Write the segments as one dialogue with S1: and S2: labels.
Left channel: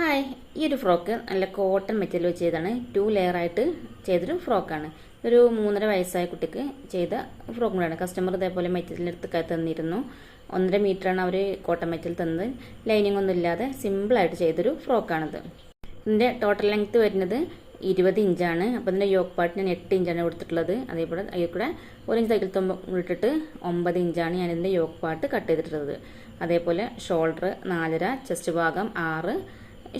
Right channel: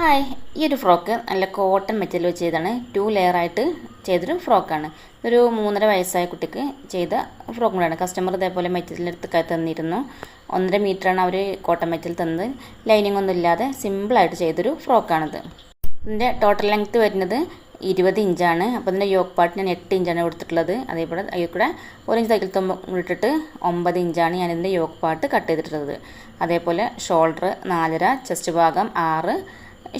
S1: Hi ഈ ഒരു frock നല്ല കോട്ടൺ മെറ്റീരിയൽ വെച്ച് ചെയ്താണ് ടു ലെയർ ആയിട്ട് ചെയ്തൊരു ഫ്രോക്കാണ്. ഒരു മൂന്നര വയസ്സായ കുട്ടിക്ക് ചെയ്ത ഫ്രോക്ക് കൂടെയാണ്. കസ്റ്റമർ ഇതേപോലെ മെറ്റീരിയൽ എടുത്ത് തന്നിരുന്നു. ഒന്നര മീറ്ററാണ് അവർ കോട്ടൺ മെറ്റീരിയൽ തന്നത്. ലൈനിങ് ഒന്നും ഇല്ലാതെ സിമ്പിളായിട്ട് ചെയ്തൊരു ഫ്രോക്കാണിത്. ഇതിന്റെ ടോട്ടൽ ലെങ്ത്ത് വരുന്നത് ഇരുപത് ഇഞ്ചാണ് അപ്പോൾ ഇതിന്റെ യോക്ക് പാർട്ട് ഞാൻ എട്ട് ഇഞ്ചാണ് കൊടുത്തിട്ടുള്ളത്. അതേപോലെ അതിൽ കൂടെ ഒരു ഇഞ്ച് തയ്ക്കൽ തുമ്പ് ഇട്ടിട്ട് ഒമ്പത് ഇഞ്ചാണ് ഞാൻ ഇതിന്റെ യോക്ക് പാർട്ട് കട്ട് ചെയ്തിട്ടുള്ളത്. അതേപോലെ ഷോൾഡർ നാലര ചെസ്റ്റ് ഭാഗം ആറ്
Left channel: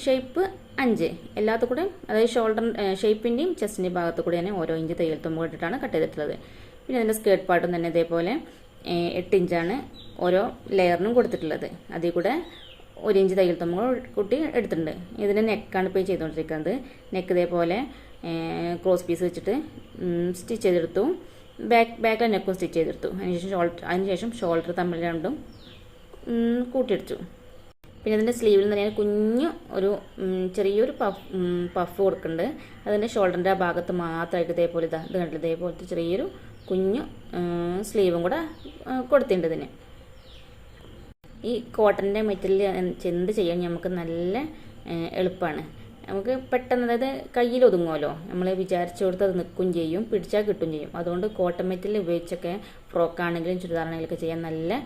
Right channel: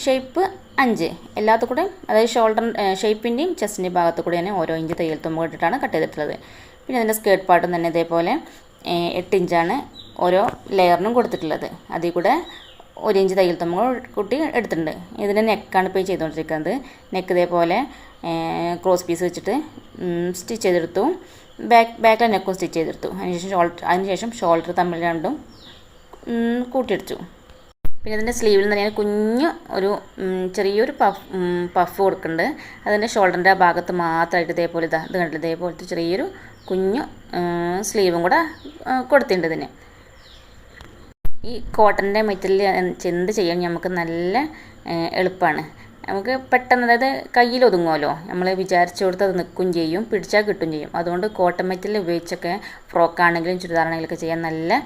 S1: ഷേപ്പ് അഞ്ച്. എല്ലാത്തു കൂടെ അതായത് ഷോൾഡർ ഷേപ്പിന്റെയും ചെസ്റ്റിന്റെയും ഭാഗത്തു തന്നെ ഓരോ ഇഞ്ച് തയ്യൽ തുമ്പ് ഇട്ടിട്ടാണ് കട്ട് ചെയ്തിട്ടുള്ളത്. പിന്നെ അതിന്റെ സ്കേർട്ട് പാട്ടും തന്നെ ഇതേപോലെ എട്ട് ഇഞ്ചാണ് ഓരോ ലെയറിനും കൊടുത്തിട്ടുള്ളത്. അതിൽ കൂടെ ഒരു ഇഞ്ച് തയ്യൽ തുമ്പ് കുട്ടി എടുത്തിട്ടുണ്ട്. ഇതിന്റെ നെക്കാണ് ഇപ്പോൾ ചെയ്തുകൊണ്ടിരിക്കുന്നത്. നെക്ക് ഇതേപോലെ ക്രോസ് പീസ് വെച്ചിട്ട് സ്റ്റിച്ച് ചെയ്തെടുത്തു. ബാക്ക് ബാക്കിലെ നെക്കും സ്റ്റിച്ച് ചെയ്തെടുത്തു. അതിനുശേഷം ഷോൾഡർ അതിനുശേഷം ഷോൾഡർ തമ്മിൽ രണ്ടും കൂട്ടിയെടുത്തു പിന്നെ ഇതിന്റെ സ്ലീവിൽ നിന്ന് ഞാൻ കുഞ്ഞ് ഒരു ചെറിയൊരു പഫ് പഫ് കൊടുക്കുന്നുണ്ട്. അതിന്റെ ഷോൾഡറിന്റെ ഭാഗത്ത് മാത്രമായിട്ട് ഇതേപോലെ ഇതാ ഇത് കണ്ടില്ല? ഇതേപോലത്തെ ചെറിയൊരു കുഞ്ഞു സ്ലീവും കൂടെ കൊടുത്തിട്ടുണ്ട് ഇതിന്. ഈ കോട്ടന്റെ മെറ്റീരിയൽ എന്ത് ചെയ്യാൻ നമുക്ക് നല്ല എളുപ്പമാണ്. നമുക്ക് പെട്ടെന്ന് അതായത് കയ്യിൽ ഒതുങ്ങുമല്ലോ? നമ്മൾ വിചാരിച്ചു കൊടുത്ത് അത് നിൽക്കും ചെയ്യും പിടിച്ചാൽ കിട്ടും ചെയ്യും. അതുകൊണ്ട് കോട്ടൺ മെറ്റീരിയൽ ഉപയോഗിച്ചൊക്കെ ഫ്രോക്കാണെങ്കിലും ചുരിദാറാണെങ്കിലൊക്കെ ചെയ്യാൻ നല്ല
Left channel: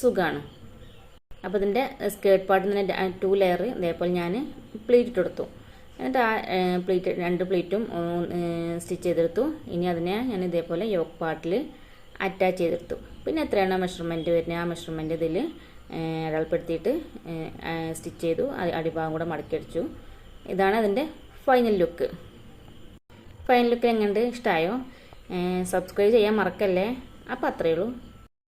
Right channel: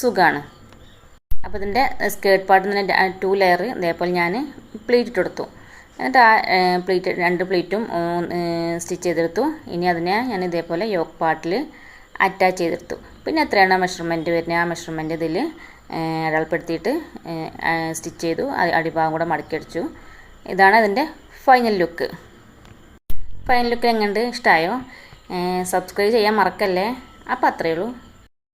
S1: സുഖമാണ്. അപ്പോൾ ഇതിന്റെ സ്കേർട്ട് പാർട്ടിൽ നിന്ന് ടു ലെയർ ഇതേപോലെ ഞാൻ പ്ലീറ്റ് ഇട്ടെടുത്തു എന്നിട്ട് ആ പ്ലീറ്റ് രണ്ട് പ്ലീറ്റും സ്റ്റിച്ച് ചെയ്തെടുത്തു. ഇനി അതിനെ ഞാൻ ഇതേപോലെ യോക്ക് പാർട്ടിൽ അറ്റാച്ച് ചെയ്തെടുത്തു. പിന്നെ എത്രയാണ് മെഷർമെന്റ് വരുന്നത് ആ മെഷർമെന്റ് ഇതിൽ അടയാളപ്പെടുത്തിയിട്ട് സ്റ്റിച്ച് ചെയ്തു. അടിഭാഗം കൂടെ മടക്കിയടിച്ചു. ഇതാണ് അതിന്റെ ഫൈനൽ ലുക്ക് ഫൈനൽ ലുക്ക് എങ്ങനെയുണ്ട്? ഇഷ്ടമായോ സബ്സ്ക്രൈബ് ചെയ്യാൻ മറക്കല്ലേ? അപ്പോൾ അത്രയേ ഉള്ളൂ.